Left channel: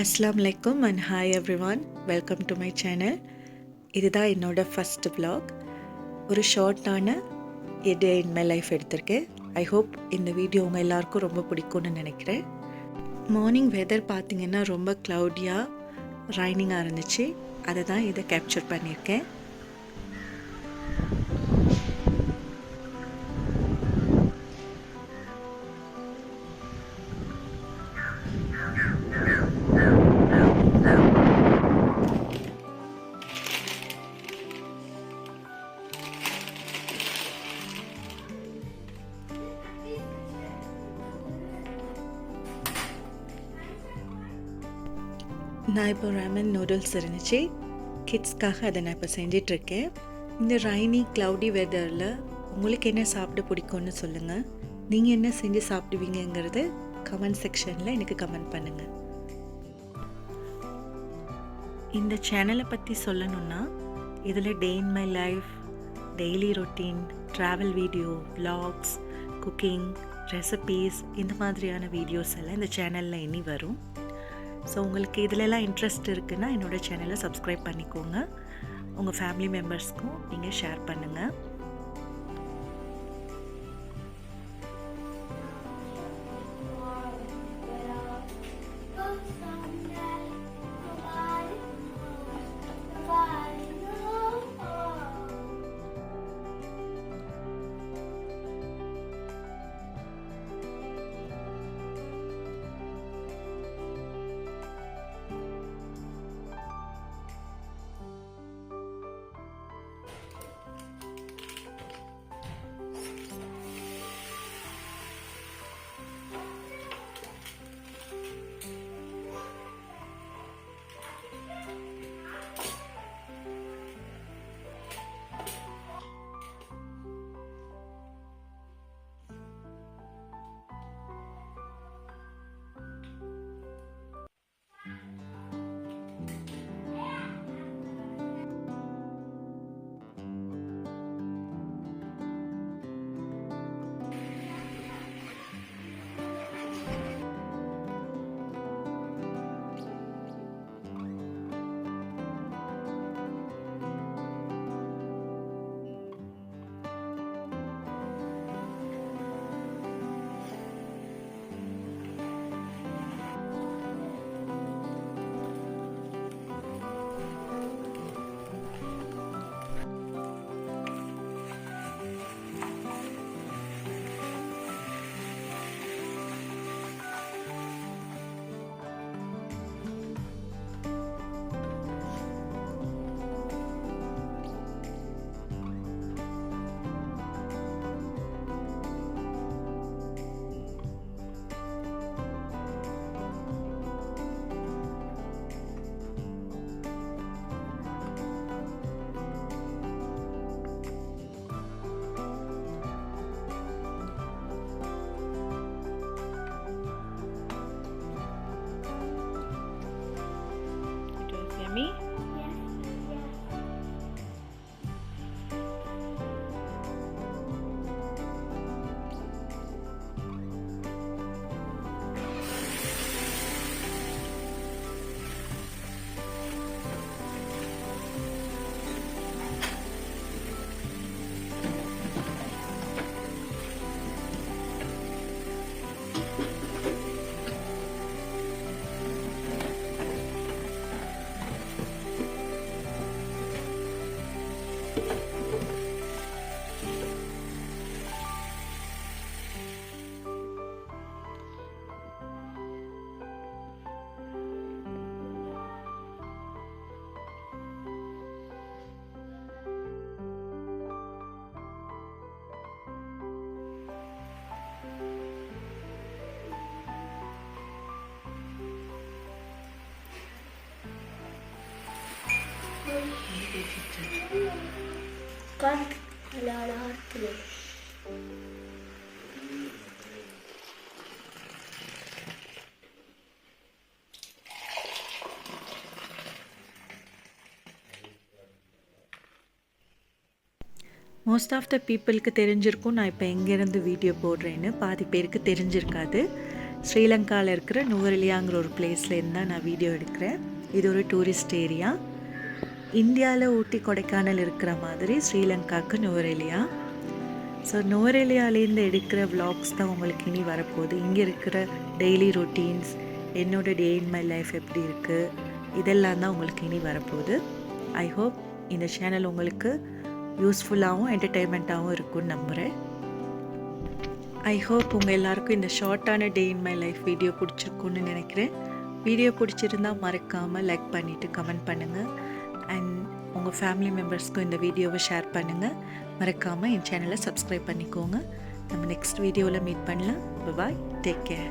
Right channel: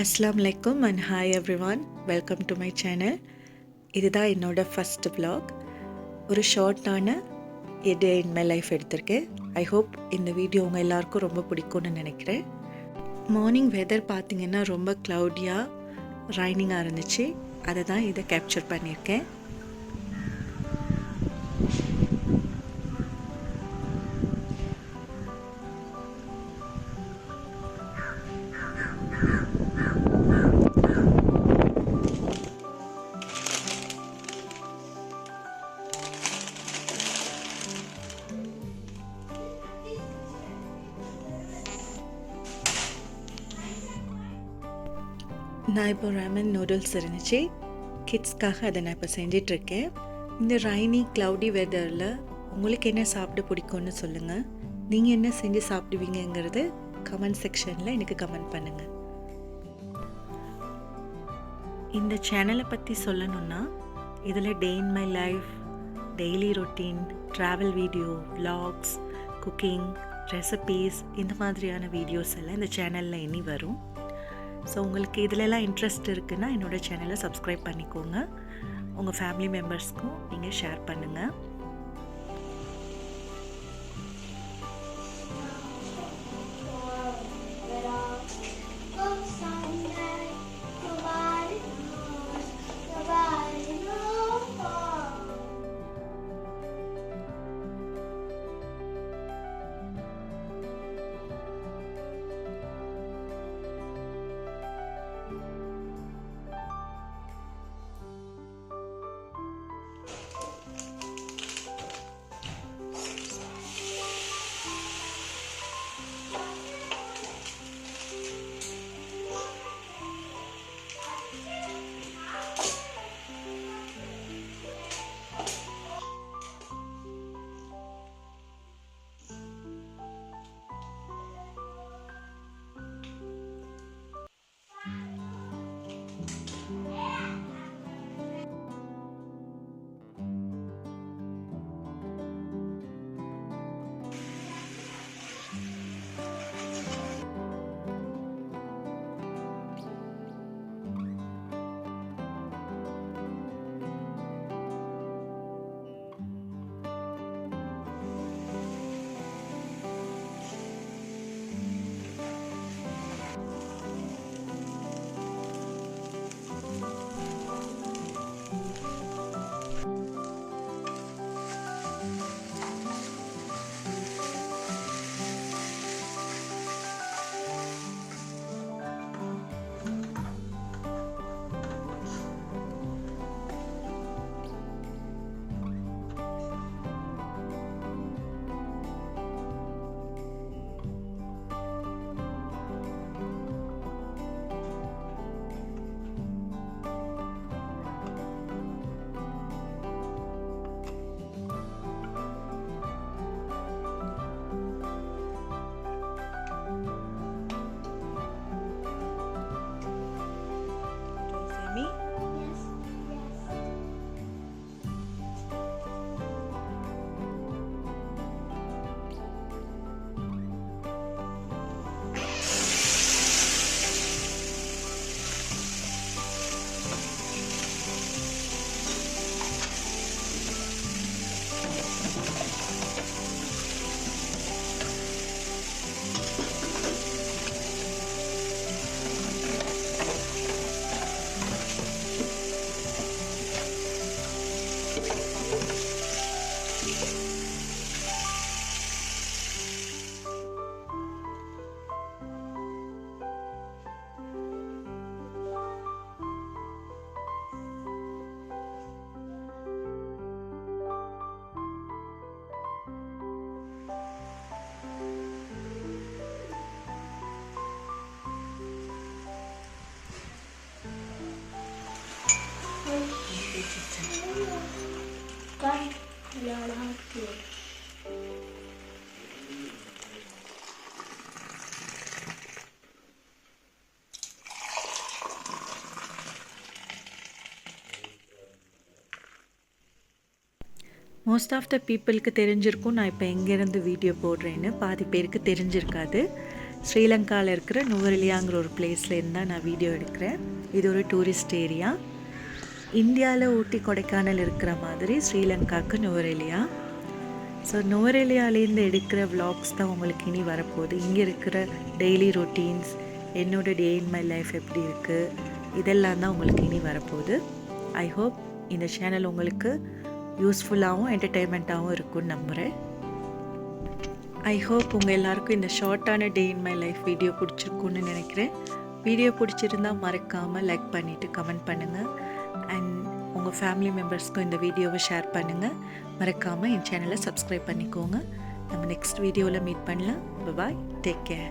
அஸ்ஸலாமு அலைக்கும் and hi everyone, welcome to my channel. இதுதான் என்னோடய ஃபஸ்ட் vlog. ஒரு ஷார்ட்டான எ டே இன் மை லைஃப் எடுத்திருக்கேன். ஐ ஹோப் இந்த வீடியோ உங்கள் எல்லாருக்கும் ரொம்ப பிடிக்கும்னு நினைக்கிறேன். மார்னிங் வெதர் பார்த்திங்கன்னா ரொம்ப க்ளவுடியாக ரைனிங்காக இருந்துச்சு. அதை தான் இதை கேப்சர் பண்ணியிருக்கேன். நான் இப்போ ராமன் நூடுல்ஸ் இருந்துச்சு, கிட்ஸ்க்காக அதை நான் இப்போ செஞ்சிட்ருக்கேன். இந்த ரைனி க்ளவுடி வெதரில் உங்களுக்கு என்ன சாப்பிட பிடிக்கும்னு சொல்லுங்கள். நீங்கள் என்ன செஞ்சு சாப்பிடுவீங்கங்கிறது கமெண்ட் செக்ஷனில் எனக்கு கமெண்ட் பண்ணுங்கள். இந்த சேனலை பற்றி சொல்லணுன்னா இதில் day in my life, daily routine, travel video, vlogs, cooking, recipes, இந்த மாதிரியான வீடியோஸ் எல்லாம் இந்த சேனலில் இனி வரும். ஸோ உங்களுக்கு இதிலெல்லாம் இன்ட்ரெஸ்ட் இருக்குன்னா என்னோடய சேனலை சப்ஸ்கிரைப் பண்ணிக்கோங்க. உங்கள் ஃபேமிலி மெம்பர்ஸ்க்கும் நீங்கள் ஷேர் பண்ணுங்கள். Me? Yes. Cut a lot of hard. Most of the பீப்புளுக்கு தெரிஞ்சிருக்கும் நான் இப்போ எங்கேருந்து வீடியோ போடுறேன்னு. பாதி பேருக்கு தெரிஞ்சிருக்காது. ஸ்ரீலங்காவில் இருக்கிற நுவரெலியாங்கிற ஒரு பிளேஸ்லேருந்து தான் நான் வீடியோ எடுக்கிறேன். இது ஒரு டூரிஸ்ட் ஏரியா. இந்தியாவில் ஊட்டி கொடைக்கானல் இருக்கிற மாதிரி ஸ்ரீலங்காவுக்கு நுவரெலியா. ஸோ நுவரெலியாலேருந்து எடுக்கிற விலாக்ஸ் தான் உங்களுக்கு இனி வரப்போகுது. இங்கே இருக்கிற டெய்லி ரொட்டீன்ஸ், என்னோடய டே இன் மை லைஃப் எப்படி இருக்குது, இதெல்லாம் தான் உங்களுக்கு இனி வரப்போகுது. ஐ ஹோப் இந்த சேனல் உங்களுக்கு யூஸ்ஃபுல்லாகவும் என்டர்டெயின்மெண்ட்டாகவும் இருக்கும்னு நம்புகிறேன். ஐ ஹோப் உங்கள் எல்லாருக்கும் இந்த ஷார்ட்டான டே இன் மை லைஃப் வீடியோ பிடிச்சிருக்குன்னு நினைக்கிறேன். வீடியோ பிடிச்சிருந்தால் மறக்காமல் லைக் பண்ணிவிட்டு கமெண்ட் பண்ணுங்கள். அண்ட் உங்கள் ஃபேமிலி மெம்பர்ஸ்க்கும் இந்த வீடியோவை ஷேர் பண்ணுங்கள். மறக்காமல் என் சேனலை சப்ஸ்கிரைப் பண்ணிக்கோங்க. நம்ம நெக்ஸ்ட் வீடியோவில் மீட் பண்ணலாம். பாய், டேக் கேர்.